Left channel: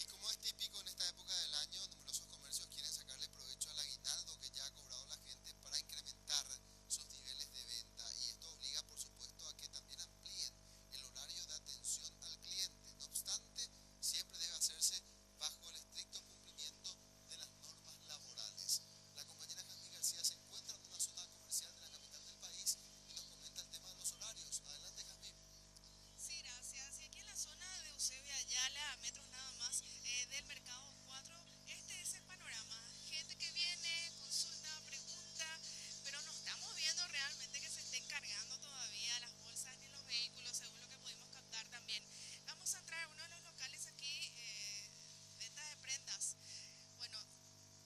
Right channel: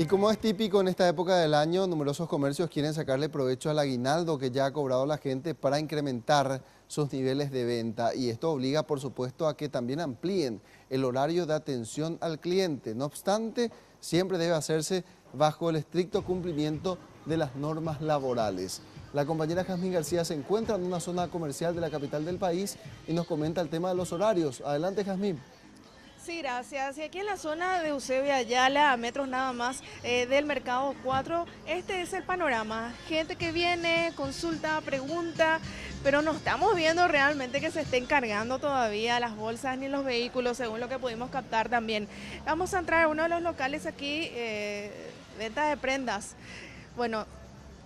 Y como es típico en esta época del año, numerosos comercios quieren sacarle provecho al aguinaldo que ya ha cobrado la gente para incrementar sus niveles de venta. Y esto obliga, por supuesto, a que también amplíen el horario de atención al cliente. No obstante, siempre debe hacerse bajo el estricto cumplimiento de las normas laborales. La compañera Jazmín García se encuentra en una zona comercial de la capital del país y nos comenta el tema de los horarios. Adelante, Jazmín. Sí, gracias. Y aquí en la zona de Eusebio Ayala, a metros nada más del Mercado 4, este es el panorama. Gente que viene, consulta, pregunta, pero no estamos viendo realmente que se estén cargando todavía las bolsas ni los vehículos, según lo que pudimos captar también. Vamos a entrar a uno de los locales aquí, venta de prendas. Bueno,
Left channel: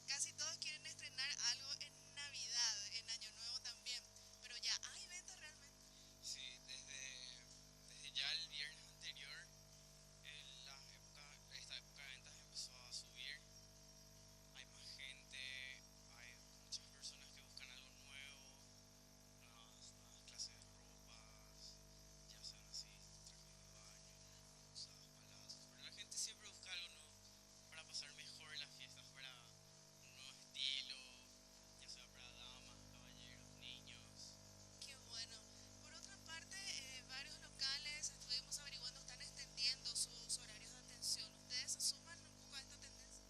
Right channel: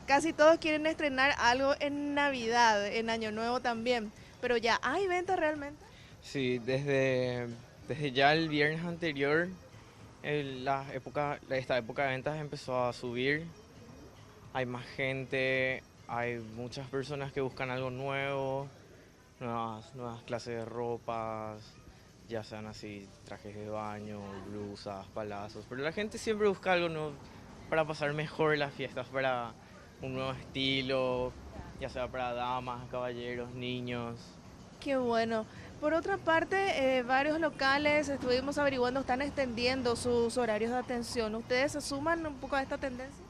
casi todos quieren estrenar algo en Navidad, en Año Nuevo también, pero ya hay venta realmente. Sí, desde ya el viernes anterior, esta época de ventas empezó a subir. Hay más gente, hay muchas personas que buscan algo nuevo, nuevas clases de ropas, ya sean así trajes de baño, blusas, palazos. Pero la gente siempre busca algo nuevo para pasar mejor las fiestas, para un nuevo estilo, ya sea para damas, caballeros, niños. Qué bueno. Por otra parte, varios locales, estuvimos averiguando, están extendiendo sus horarios de atención. ¿Ustedes se suman un poco a esta tendencia?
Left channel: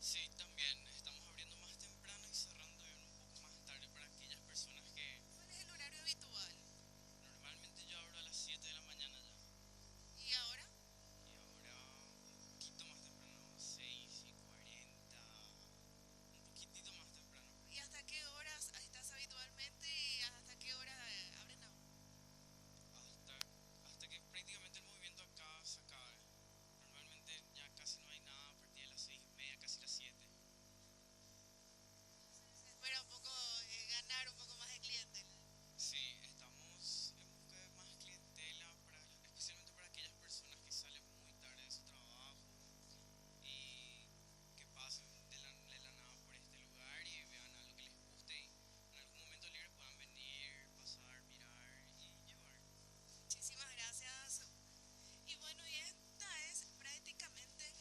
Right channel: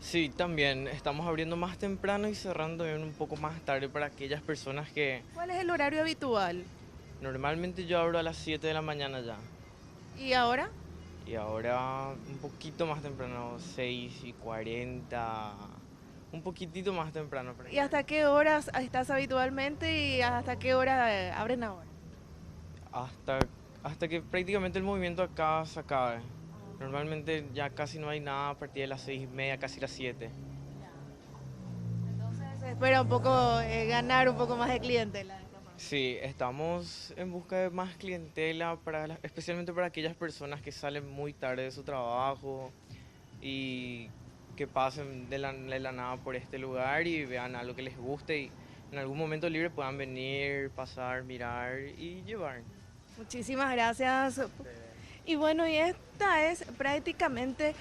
Sí, también estamos abriendo más temprano y cerrando también un poco más tarde para aquellas personas que ¿Cuál es el horario habitual? normalmente yo abro a las 7 de la mañana ya. ¿Y ahora? Y ahora un poquito más temprano, 6:40, un poquitito más temprano. ¿Y hasta qué horas estás habitualmente y hasta qué hora abren ahora? Hasta, hasta que prácticamente el movimiento acá se acabe. Normalmente ya casi no hay nada a partir de las 6:30, casi las 7. Entonces se espera un poco ganar un poco más de clientela. Sí, estamos en busca de más clientela, especialmente para aquellas personas que salen muy tarde de su trabajo y que pasen de la nada por este lugar y vean algo que les guste y en algún momento libre puedan venir, pasar, mirar y llevar. Muchísimas gracias. Y bueno, y esta es prácticamente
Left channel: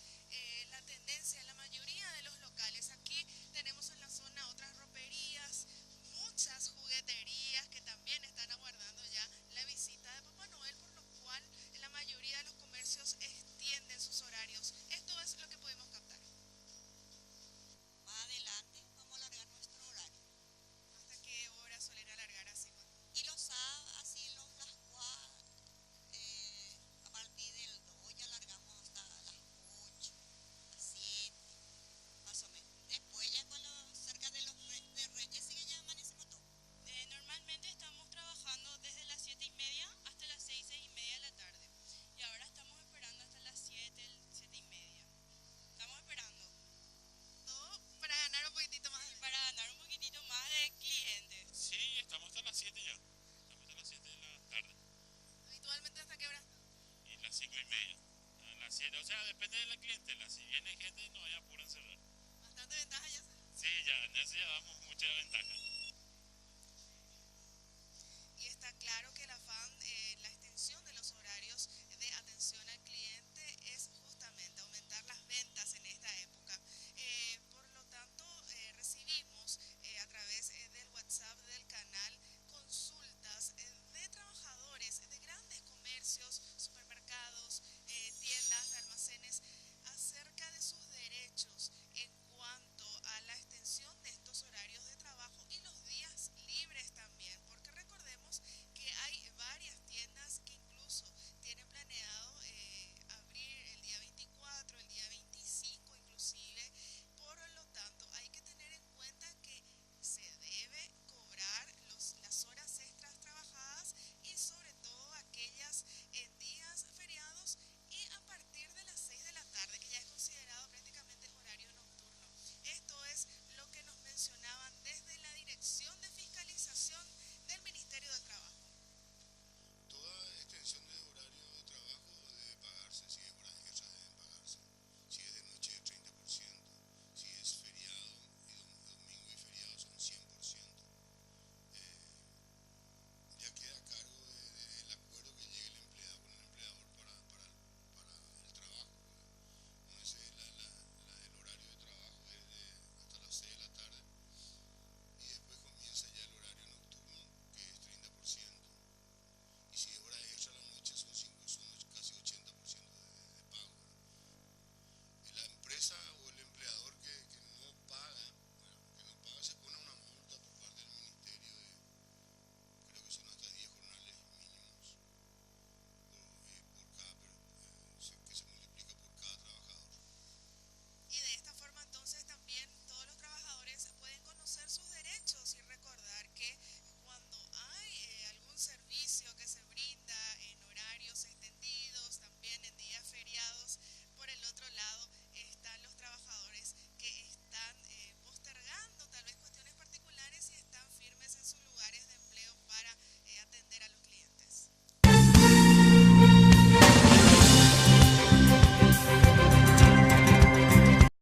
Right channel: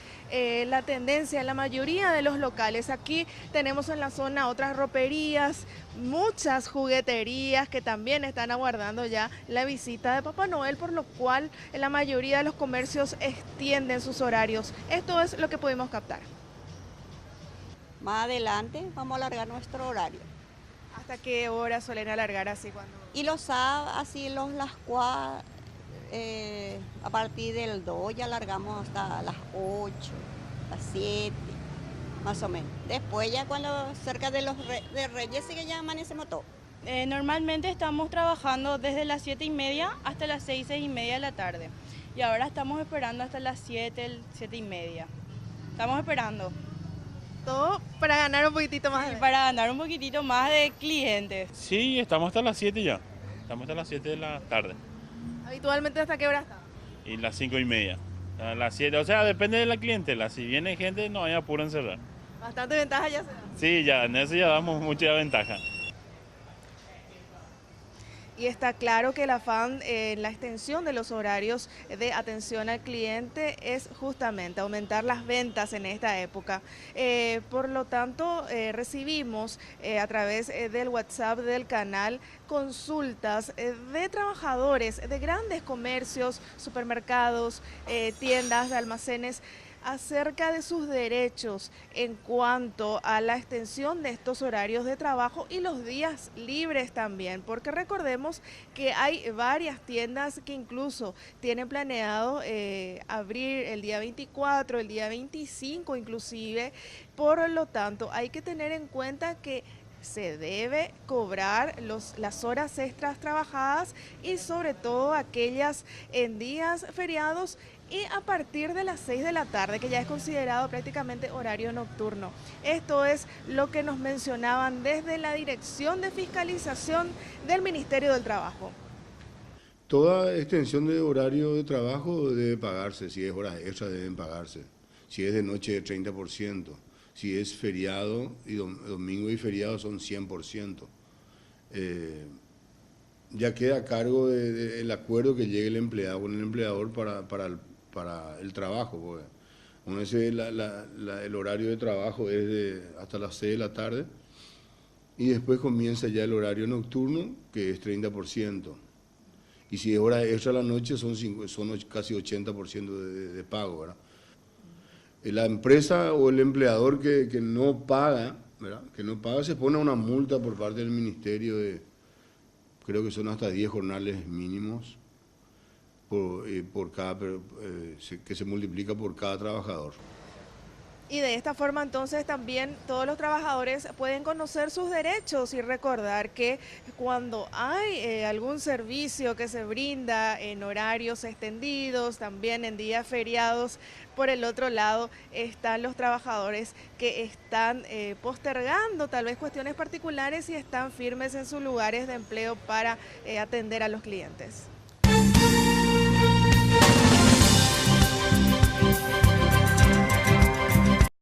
la tendencia en la mayoría de los locales. Aquí tenemos en la zona otras roperías, muchas jugueterías que también están aguardando ya la visita de Papá Noel, por lo cual en la mayoría de los comercios extienden sus horarios. Esto es lo que pudimos captar. Más adelante vamos a alargar nuestro horario. ¿Hasta qué hora suelen alargar así cuando? Y los sábados, así las 4, a partir del 2 ya alargamos hasta las 8, las 7, más o menos. Después ya cuando cerca de Reyes sí que ya amanecemos todo. Normalmente estamos trabajando desde las 7:30 hasta las 6:30 de la tarde. Y ahora estamos esperando hasta las 7:30. Estamos esperando Todo para ganar un poquitito más. para ganar un poquitito más de clientes. Sí, estamos hasta las 7 ya. Estamos hasta las 7 de la tarde. Habitualmente, ¿hasta qué hora está? Y las 5:30. A las 7, o sea, depende de la clientela. Si viene gente, no hay apuro en cerrar. Bastante ventaja ya se da. Sí, ya, en eso ya damos mucha ventaja. Y está claro que el afán en la extensión de los horarios de atención al cliente es justamente aumentar las ventas en esta época. Por lo tanto, recibimos a través del WhatsApp del canal consultas de trabajadores de grandes comercios, supermercados, tiendas de almacenes, acerca de sus derechos en cuanto a la extensión de estos horarios de trabajo y los días libres también, porque recordemos que hay varias tiendas que incluso tienen planeado abrir el día 24, el día 25 inclusive. Por lo tanto, hay que tener en cuenta que se debe cobrar las horas extras trabajadas y sobre todo aquellas en días feriados y a partir de las 6 de la tarde, que ya es considerado prácticamente horario nocturno. Esto es lo que nos mencionaban desde la Dirección de Fiscalización del Ministerio del Trabajo. Toda extensión de horario de trabajo debe pagarse, si es horas extras deben pagarse, si es de noche 30%, si es feriado y domingo y feriado son 100%. Ya queda a cargo del acuerdo que llegue el empleado con el empleador para el trabajo, pues. Bueno, ese, el horario de trabajo es hasta las 6 de la tarde y después comienza ya el horario nocturno, que es 30%. Y si es hora extra a la noche son casi 80% de pago, ¿verdad? La empresa o el empleador que no paga, ¿verdad? Que no paga, se pone una multa por parte del ministerio creo que son hasta 10 jornales mínimos que se multiplica por cada trabajador. Y de esta forma entonces también todos los trabajadores pueden conocer sus derechos y recordar que cuando hay algún servicio que se brinda en horarios extendidos, también en días feriados, por el otro lado están los trabajadores que están postergando tal vez cuestiones particulares y están firmes en sus lugares de empleo para atender a los clientes.